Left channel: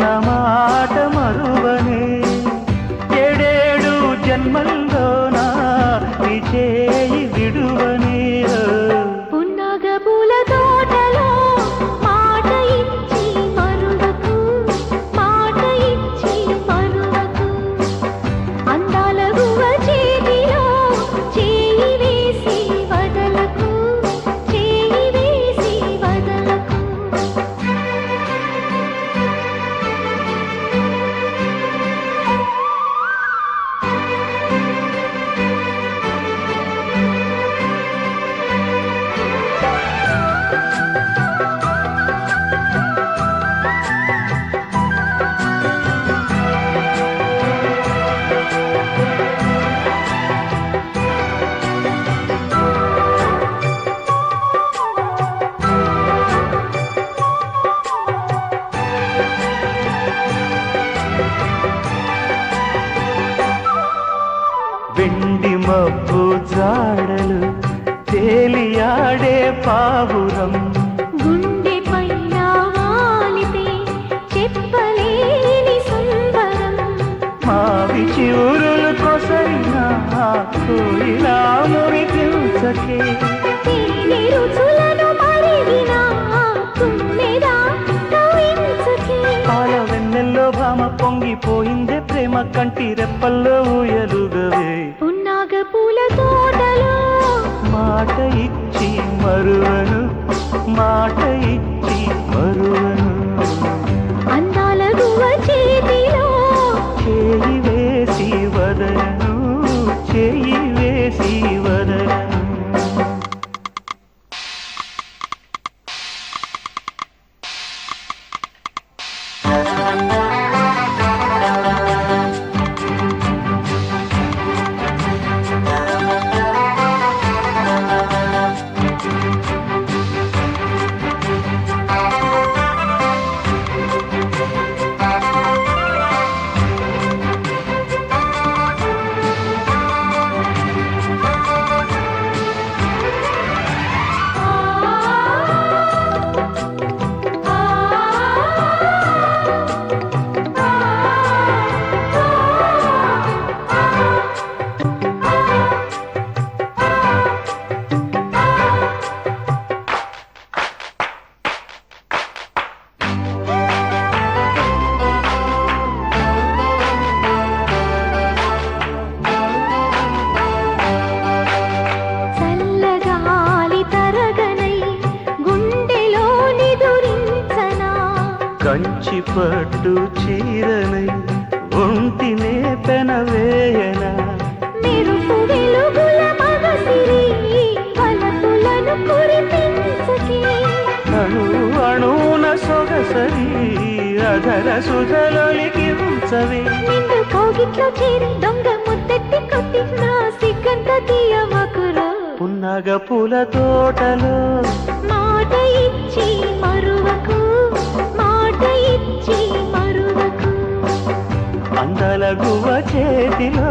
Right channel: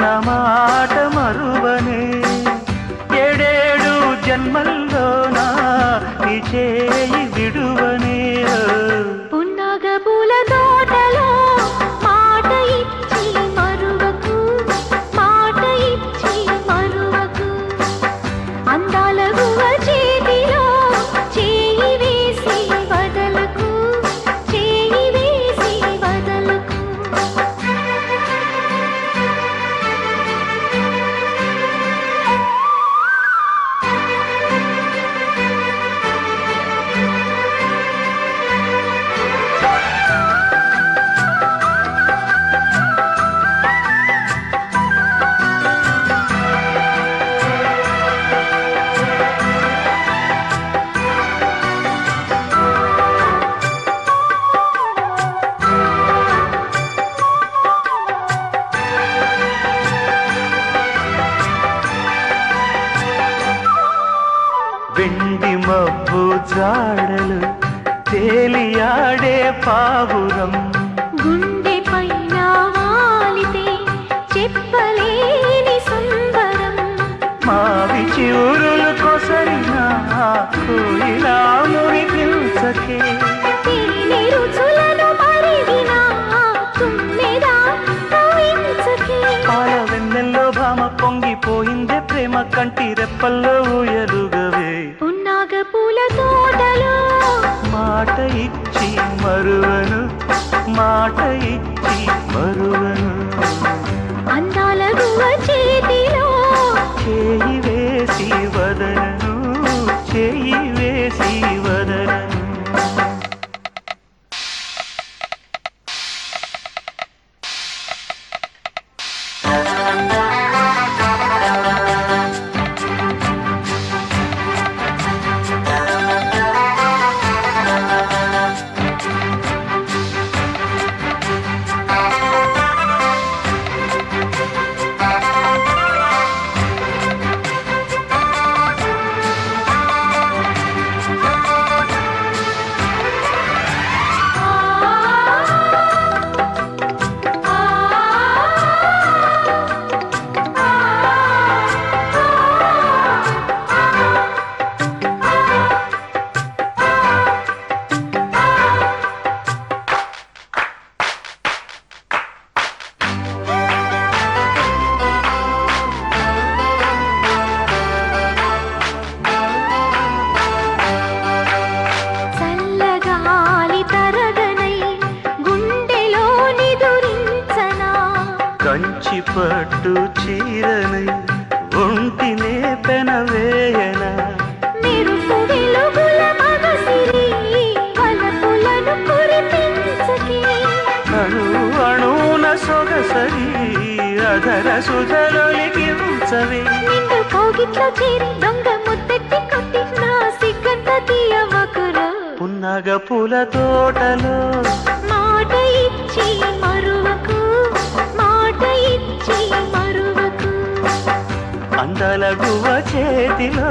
నా మాట మరువనే ఏడేడు జన్మల్లోనా నీ చేయి విడువనే పున్నాగ పూల తోటలో మాట ఇచ్చి మరువకు మాట ఇచ్చి మరువకు అందాల గువ చేతిలో చేయి వేసి వదలకు చేయి వేసి వదలకు వెండి మబ్బు జాడలు తేలియాడే పావురం గుండె పైన వాలితే చెప్పలేని సంబరం మావి చివురులు కొసైనా కోయిలాముని హింసకే తేనె రుచులను మరిగిన తుమ్మెదా కవించకే పాల వెన్నెల్లో భామ పొంగిపోయిందే ప్రేమ కంటి రెప్పల్లో ఊయలుగవే పున్నాగ పూల తోటలో మాట ఇచ్చి మరువను మాట ఇచ్చి మరువను అందాల గువ చేతిలో చేయి వేసి వదలను చేయి వేసి వదలను చల్లగాలి తరగనై గుండెలో నిదురించనా కంచి పట్టు చీరనై ఒంటినే పెనవేయనా మెరుపు వెలుగుల మగసిరి వలపులను కురిపించకే అణు అణువున సొగసరి అధర సుధలొలికించవే నిండు కోగిట్లో చేరి దొంగ ముద్దెట్టి కొట్టి నా సిగ్గంత తీయవకురా పున్నగ పూల తోటలో మాట ఇచ్చి మరువకు మాట ఇచ్చి మరువకు అందల గువ చేతిలో